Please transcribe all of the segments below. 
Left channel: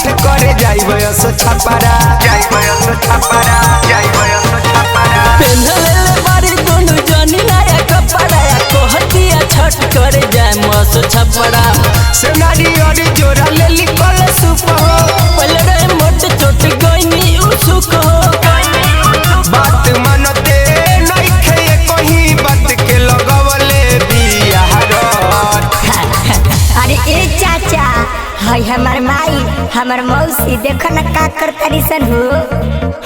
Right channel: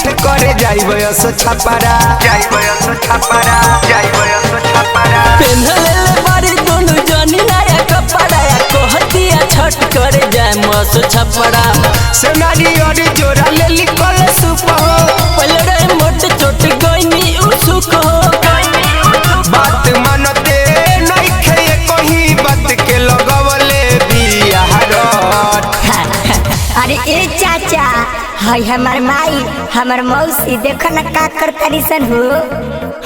छठ करे जाइबयस छपरा पेन्हले बारी दोनों जनी नया कपड़ा कहतिया छठ करे जाए मस छपरा सेनारी और जोरा ले लिखल सुप हो पहले रे मोट चोट गईनी उसुक हो बात मानते नइखे कहीं बात के लगवले बिहार। अरे ए चाचा हाय हमार माई हमार मौसी देखो न का करतारी सन हो।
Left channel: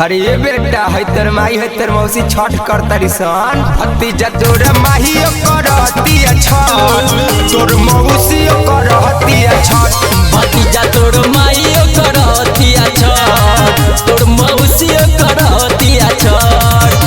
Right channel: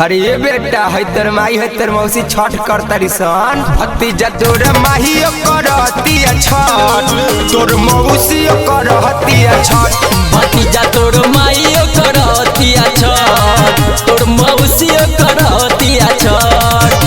अरे ये बेटा है तर माई है तर मौसी छठ करतारी सन भतीजा तोर माहियो करतिया छठ तोर मौसियो करतिया छठ भतीजा तोर माइयो करतिया छठ तोर मौसियो करतिया छठ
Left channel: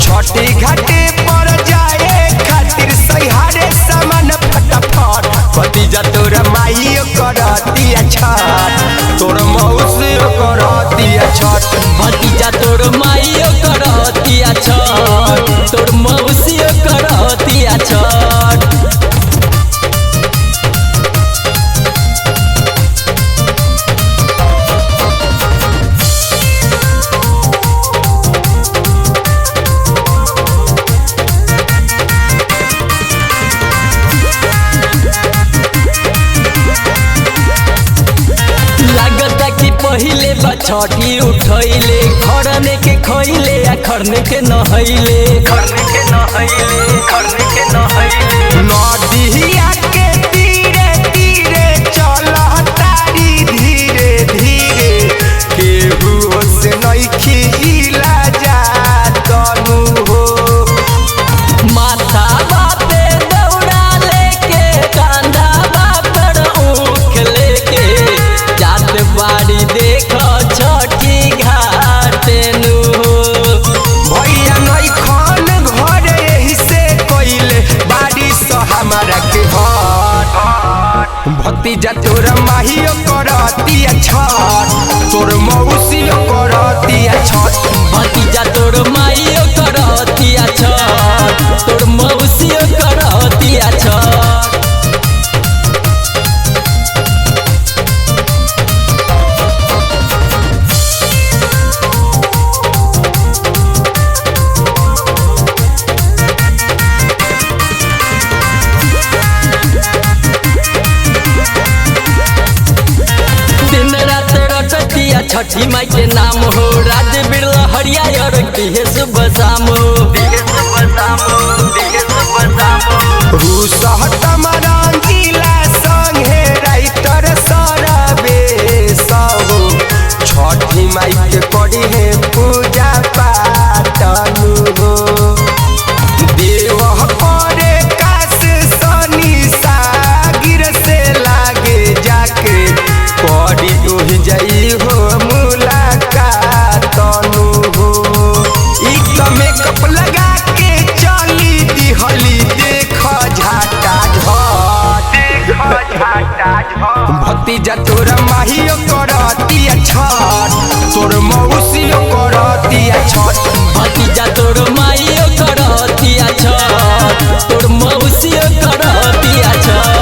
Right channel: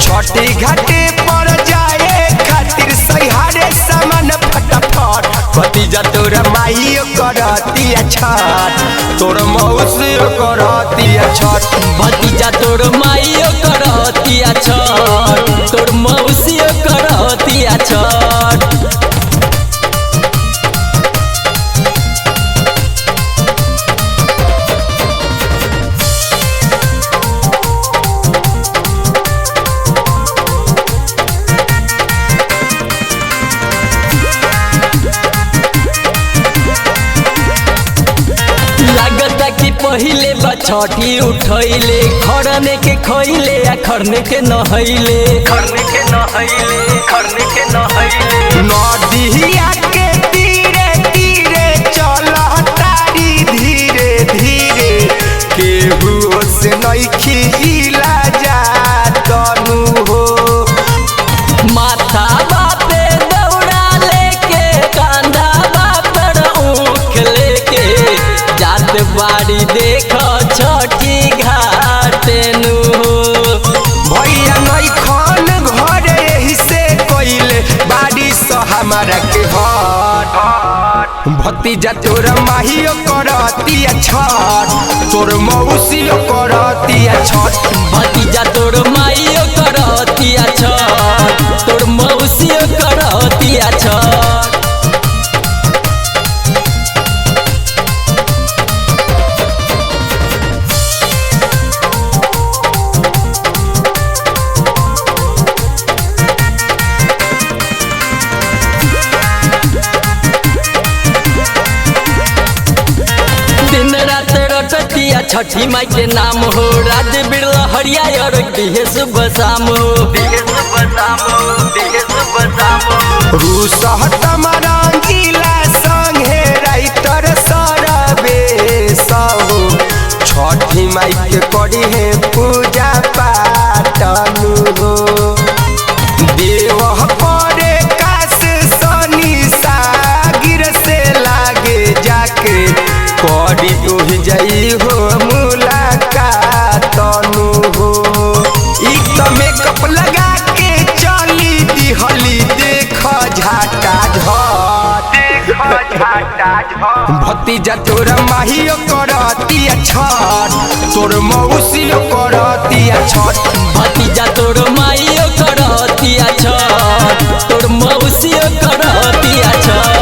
छठी घाटे पर जाए खातिर सहारे सामान फटाफट भतीजा तोर माहियो करतिया छठ तोर मौसियो करतिया छठ भतीजा तोर माइयो करतिया छठ तोर मौसियो करतिया छठ लगता कि पहिले बछठी उठैले खरने के खैले या खरने के नहैले नदिया के तीरे तीरे चलतारी धीरे धीरे केहू से नइखी इला जातनु हो माथा बापे दौड़ा लेके कांधा बापर ऊख लेके जात बाड़ी देख छठी घाटे नु भैया नइखन घर एही से कइले बारिश हमारा के हट भतीजा तोर माहियो करतिया छठ तोर मौसियो करतिया छठ भतीजा तोर माइयो करतिया छठ तोर मौसियो करतिया छठ दिन रात रटतिया छठी माई के नाम हो राज बिरला हरिया और दिहे सुबह शाम हो रूसहत मरंगीला संगे राइटर सरबे हो छठी माई के करी है पूजा पाटनु हो देव करे काश सनी सागिर से लागे जाके करी ओहि जाई हो मुलाकातनु हो एक तो मेकअप लगा के चली दिहली देख झाटा भतीजा तोर माहियो करतिया छठ तोर मौसियो करतिया छठ भतीजा तोर माइयो करतिया छठ तोर मौसियो करतिया छठ।